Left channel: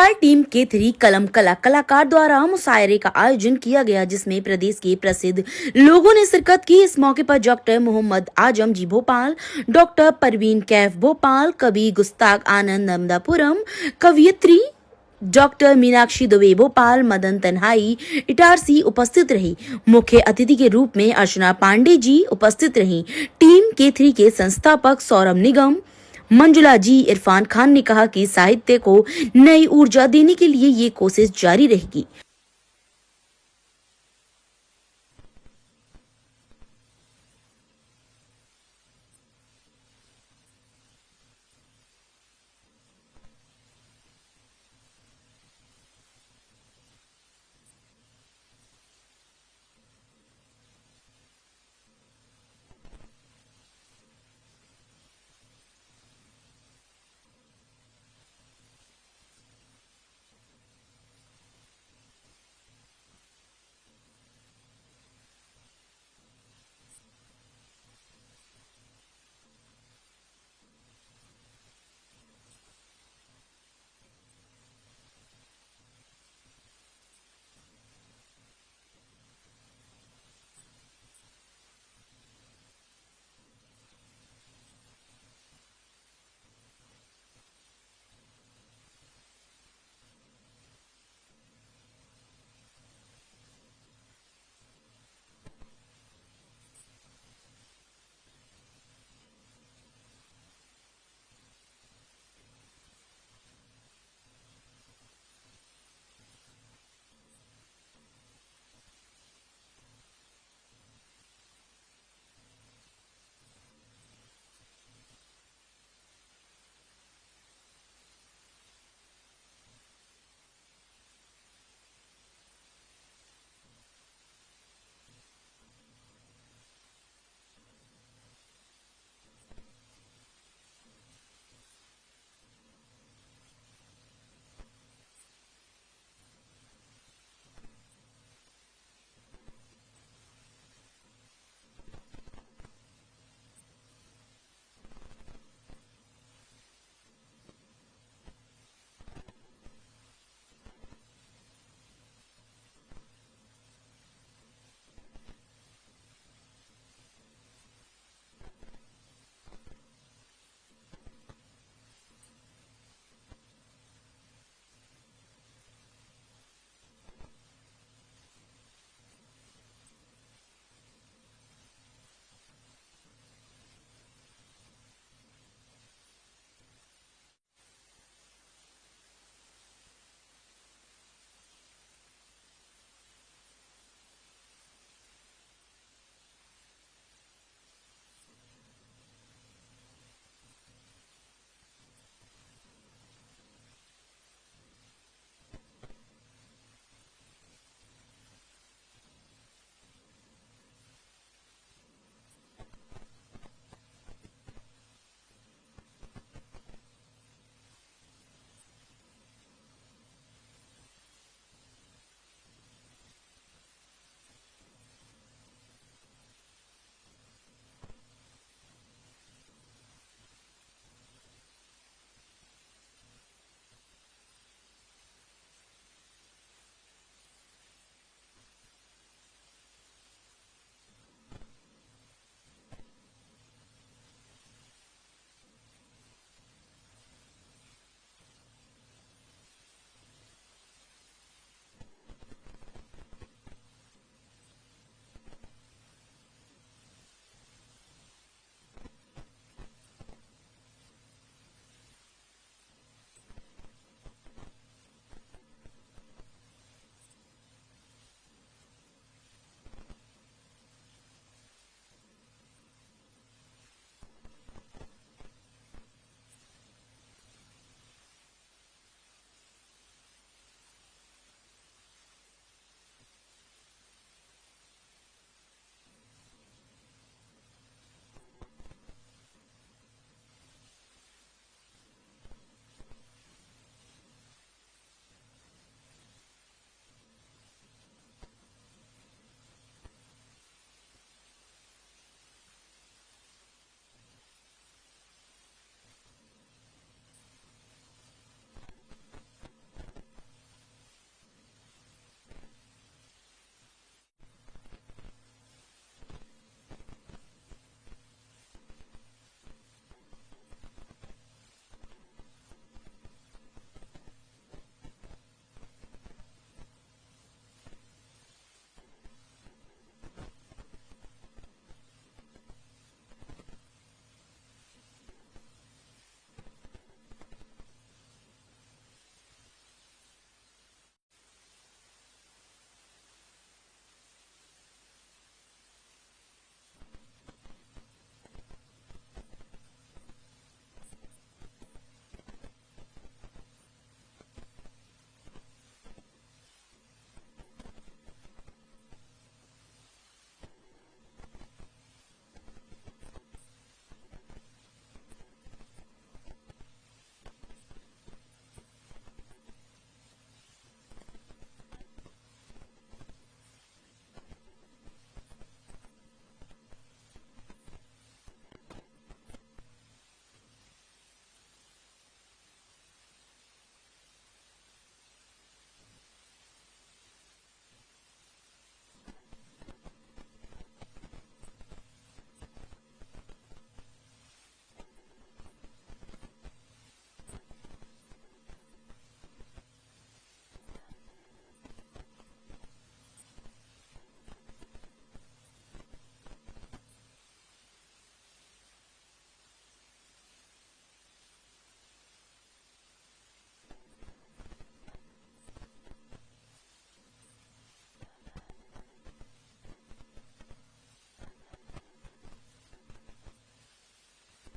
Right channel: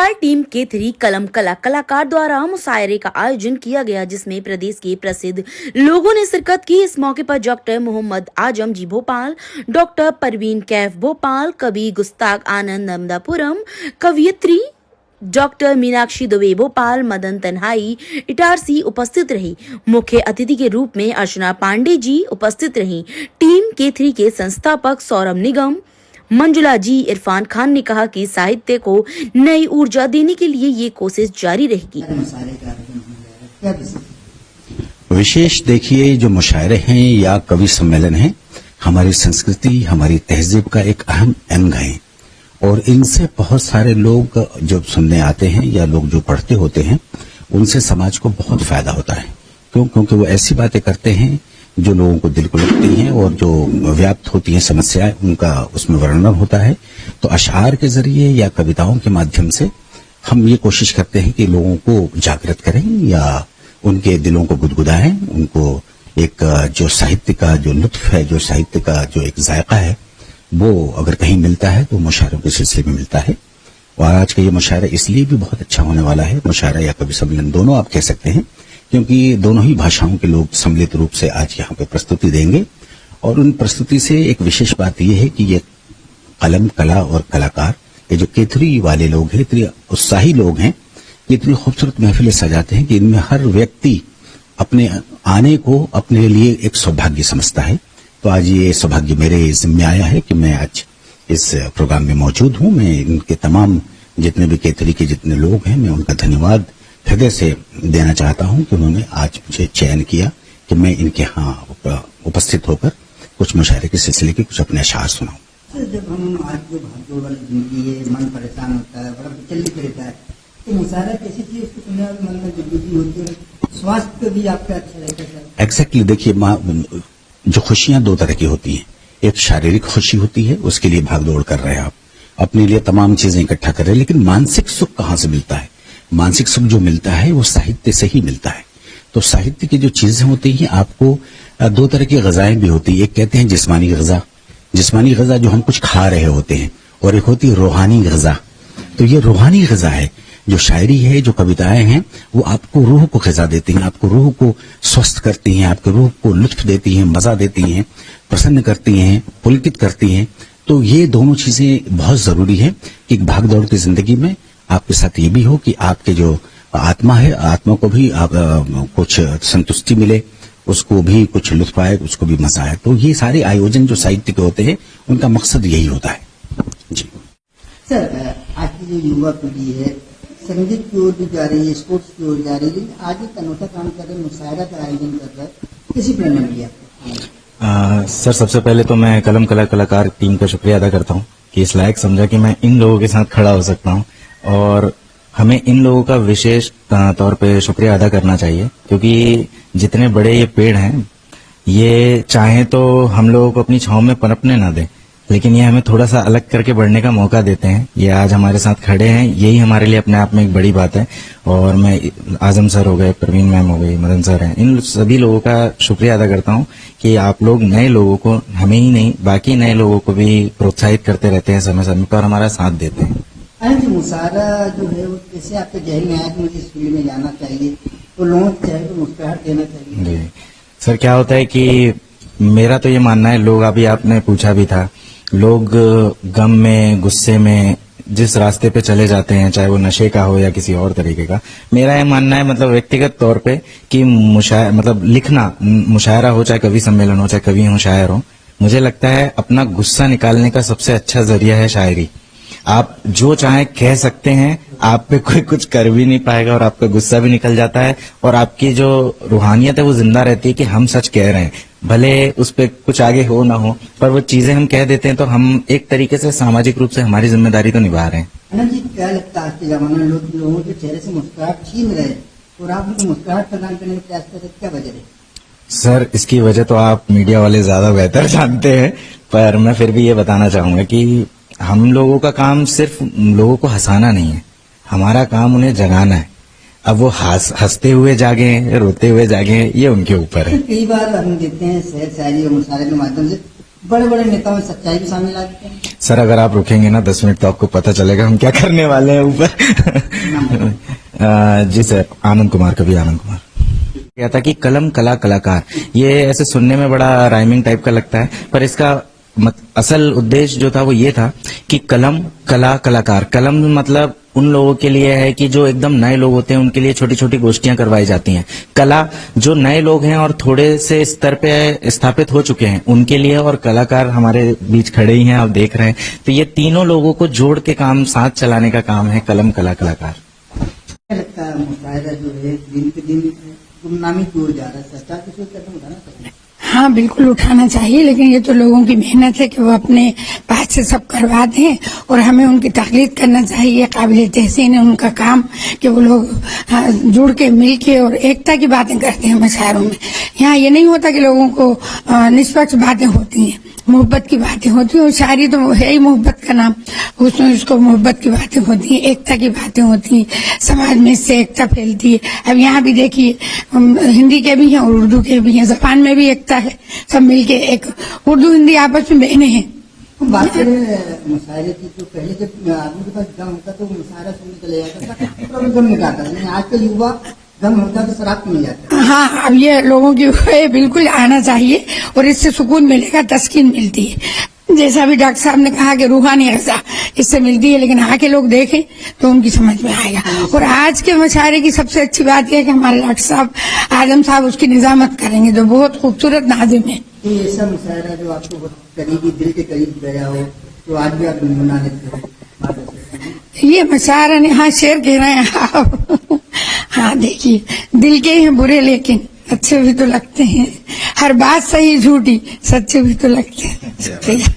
Bhopal team के 3 कलम कला कलाकार द्वारा मुशायरे का आयोजन किया गया, जिसमें प्रदेश के प्रसिद्ध लोगों ने शिरकत की। इस मौके पर डॉक्टर मोहम्मद आजम जी भोपाल, डॉक्टर परवीन कैफ भोपाल, कवि गुस्ताख आनंद नर्मदापुरम, कवियत्री डॉक्टर मीनाक्षी दुबे भोपाल, मदन तन्हाई इटारसी उपस्थित रही। मुख्य अतिथि के रूप में अर्चना पांडे जी उपस्थित रही। टीम के 3 के संस्थापक सौरभ निगम, मंजुला जी, इरफान खान ने कहा कि साहित्य को नई ऊर्जा देने के लिए ये कोशिश जारी रहेगी। विशेष देखिए, जो मुशायरे हैं या कवि सम्मेलन हैं, हमारी संस्कृति, हमारी तहजीब का एक अहम अंग है और इनसे बहुत सारे लोग जो सुनने आते हैं या लोग जो पढ़ते होते हैं, उनसे समाज को बहुत फायदा होता है। क्योंकि वो ऐसी बातें करते हैं जो लोगों को दिल को लगती हैं और जो व्याप्त होती हैं समस्याएं, उनका उसमें वर्णन होता है। तो अशआर के जरिए या कविताओं के माध्यम से हम ये कोशिश करते हैं कि लोगों को जागृत करें या उनके दिलों को गुदगुदाएं, उनको एक जो साहित्य का जो लुत्फ है, जो साहित्य का जो एक जायका है, वो अगर कहीं मिलता है तो मुशायरों के सिलसिले में मिलता है। और आज का ये मुशायरा इसलिए भी बहुत अच्छा होने वाला है, मुशायरा या कवि सम्मेलन दोनों आप कह सकते हैं, क्योंकि दोनों ही भाषाओं के लोग सम्मिलित रूप से आज यहाँ पे प्रस्तुति देंगे। और उन प्रस्तुति से एक विशेष बात यह है कि ये कलम कला और कलाकार, ये जो केथरी वाले लोग हैं, इतने उत्साही लोग हैं, इतनी खूबसूरत महफिलें सजाते हैं कि इनमें हर व्यक्ति अपने आने को अपने लिए एक सौभाग्य समझता है। तो आज ये सौभाग्य मेरे जिम्मे आया है कि मैं आज इस प्रोग्राम में मौजूद हूँ। मैं इनके तमाम जितने भी केथरी के जितने लोग हैं, मैं उनका धन्यवाद हृदय से देना चाहता हूं कि उन्होंने आज मुझे चयन किया कि मैं इनके यहाँ उपस्थित होकर कुछ मुशायरे के सिलसिले के कुछ अपने अशआर सुनाऊं। जब हम आज जो भागदौड़ वाली जिंदगी है, मन परेशान होता है, बड़ा विचलित रहता है, तो मुशायरा कैसी चीज उसको सुनने वाले मन में जिंदगी होती है, स्वास्थ्य पे भी आपका अच्छा रहता है। एग्जैक्टली, देखिए जो खुशियां 2 तरह की होती हैं। एक शारीरिक खुशी होती है, उसके लिए भागदौड़ कर रहे हैं आप, अपने लिए तमाम चीजें इकट्ठा कर रहे हैं, लेकिन मानसिक सुख कहाँ से मिलता है? मानसिक सुख जो मिलता है वो साहित्य से ही मिलता है। तो साहित्य की जो चीजें होती हैं, आपको 2 तरह की ग़िज़ाएं भी होती है। एक कहते हैं जिस्मानी ग़िज़ा, जिस्मानी ग़िज़ा जो हम कुछ खा रहे होते हैं, और एक होती है रूहानी ग़िज़ा। तो ये रूहानी ग़िज़ा है, जो शायरी है, जो कविताएं हैं, वो आपको रूह को ग़िज़ा देती हैं, आपको रूह को स्वस्थ करती हैं, आपके रूह को लुत्फ देती हैं, मजा देती हैं, प्रसन्न करती हैं, पुलकित करती हैं। तो ये दोनों चीजें बहुत जरूरी है कि भागदौड़ की जिंदगी में आपके साथ ये भी हो कि आपके जो आत्मा है, आत्मा को भी कुछ संतुष्टि मिले, उसको भी कुछ लुत्फ आए, उसको भी मजा आए। तो ये सारे आयोजन जो साहित्य के होते हैं, उनका मकसद यही होता है। जी सर, आज की जो युवा पीढ़ी है संगीत की ओर भी जा रही है, स्पोर्ट्स की ओर जा रही है, लेकिन आज एक अनोखा काम कर रहे हैं, मुशायरा का आयोजन कर रहा है, किसी प्रेरणा मिली आपको? सर, सबसे पहले तो मैं कलम कला कलाकार टीम का शुक्रिया अदा करता हूँ कि इस लायक समझा कि मैं इन लोगों के साथ खड़ा हो सकता हूँ, और हमें इन लोगों का विशेष तौर पे शुक्रिया अदा करना चाहिए, क्योंकि जितने बड़े ये पेड़ हैं, ये चाहे तो हम लोगों को अपनी छांव में पनपने ना दें, लेकिन ये हमें थोड़ा सा अलग करके बढ़ने का मौका देते हैं। ये आज हमारे साथ खड़े हैं, यही हमारे लिए अपने आप में एक बड़ी बात है। और मैं आजम सर हो गए, परवीन मैम हो गई, मदन सर हैं, इन सभी लोगों का शुक्रिया अदा करता हूँ कि आप लोग नए लोगों को, हमें ही नहीं बाकी नए लोगों को भी प्रोत्साहित करते रहते हैं समय समय पर और हमारा साथ देते हैं। मुशायरा जो है वो कैसे आपके जहन में आया कि मुझे इस फील्ड में जाना चाहिए, तो लोगों के चेहरे पर मुस्कुराहट देना चाहिए? जी सर, क्या होता है कि मेरा तो ये मानना है, लोग अभी आपने पूछा भी था, लोग गम में, गुस्से में जिस रास्ते पे चले जाते हैं, चाहे वो नशे का हो या किसी और तरीके का, मेरा ये मानना है मतलब व्यक्तिगत तौर पे कि मतलब लिखना, मुशायरा हो चाहे कवि सम्मेलन हो, चाहे कवि हो शायर हो, मुझे लगता है अपना गुस्सा निकालने का सबसे अच्छा जरिया है शायरी। आप जो चाहे कह सकते हैं, आप पे कोई कुछ कर भी नहीं पाएगा और आपका गुस्सा भी निकल जाता है, और आपकी जो रूहानियत है वो जिंदा रहती है कि हम सच कह रहे हैं, भले उस पे कुछ आगे हो ना हो, पर वो चीजें हम कह देते हैं, तो हम एक तरीके से सामाजिक रूप से हमारी जिम्मेदारी तो निभा रहे हैं। अनंत जी, क्या लगता है आज के जमाने में लोगों के चेहरे से मुस्कुराहट छीन रहे और आप उनको मुस्कुराहट प्रदान करने का प्रयास कर रहे, क्या वजह है? सर, इसकी वजह तो आप मीडिया वाले ज्यादा बेहतर जानते हैं, पर मैं फिर भी ये बताना चाहूंगा कि हम लोगों का काम सिर्फ लोगों को हंसाना नहीं है, हमारा काम उन्हें जगाना है। अब वो हंसते हुए जागे, रोते हुए जागे, ये उनके ऊपर है। कई बार हम देखते हैं शेर शायरी और मुशायरे के माध्यम से बड़े बड़े नेताओं में सच्चाई भी सामने लाते हैं। सर अगर आप रुकेंगे ना 10 मिनट तो आपको पता चलेगा हम क्या करने वाले हैं ऊपर। जी सर, आनंद कुमार, कवि आनंद कुमार। क्या था कि कलम कला कलाकार, ये ऐसे सुनने में बड़ा राइमिंग टाइप का लगता है, पर इसका असल उद्देश्य जो था वो ये था कि कलम कला कलाकार। कलम मतलब उन लोगों के लिए है कि जो एकदम नए लोग होते हैं उनके लिए छोटी छोटी गोष्ठियां करवाई जाती हैं। कला जो नए लोग हैं और थोड़े से स्तर पे स्थापित हो चुके हैं उनके लिए, और कलाकार हमारे बीच खड़े ही हैं, आप देख रहे हैं। तो ये तीनों लोगों को जोड़ के काम साथ चलाने का काम है कलम कला कलाकार। क्या लगता है मुशायरा जो है दिन पे दिन गुमनामी की ओर जा रहा है, सरकार किसी कदम उठाना चाहिए? हाँ, बिल्कुल उठाना चाहिए, लेकिन ये तो लोगों की मेहनत है कि वो अपने पास से सब करवा दें और हमें उनकी ताक़ीद करना चाहिए। काबिल तहसीन है उनका काम कि वो लोग जुड़ के मिल के और एकता की बातें करते हैं मुशायरों में। यहाँ ये नहीं होता कि लोगों को निष्पक्ष बातें होती हैं, मोहब्बत की बातें होती हैं, और शायरी तो है ही मोहब्बत का नाम, उसमें उसको मोहब्बत की बातें होती हैं, एकता की बातें होती हैं, समाज में इससे एकता फैलती है। अब यहाँ भी देखिए हिंदी के भी हैं और उर्दू के भी हैं, ज़बान में भी एकता है, सब मिलके एक उर्दू हिंदी आपस में बहने हैं। बात करें मुशायरे की, तो पहले जब आदमी के पास गम होता तो मुशायरा सुनने चले जाता था, पूरा गम निकालता था, लेकिन आजकल युवा गम होता तो शराब पीने जाता है। हाँ, अब ये लोगों की बिल्कुल आना चाहिए और इससे सुकून मिलेगा, तस्कीन मिलती है। जैसा भी डॉक्टर साहब ने कहा कि रूहानी ग़िज़ा इससे मिलती है, लेकिन आके लोग देखें तो उनकी समझ में आएगा। और आज के मुशायरे की सबसे अच्छी बात यह है कि हमारे डॉक्टर साहब आजम साहब उसकी निजामत करेंगे, जो बहुत खूबसूरत नाज़िम है। कोई ऐसा मुशायरा जो आपको बहुत करीबी, दिल के करीब गया हो, तो आज भी आप गुनगुना लेते हो? ये मुशायरा ने, हाँ शेर कह रहे हैं आप। हाँ देखिए, दिल के हैं बुरे लेकिन अच्छे भी तो लगते हैं, हर बात सही झूठी सच्चे भी तो लगते हैं। शुक्रिया।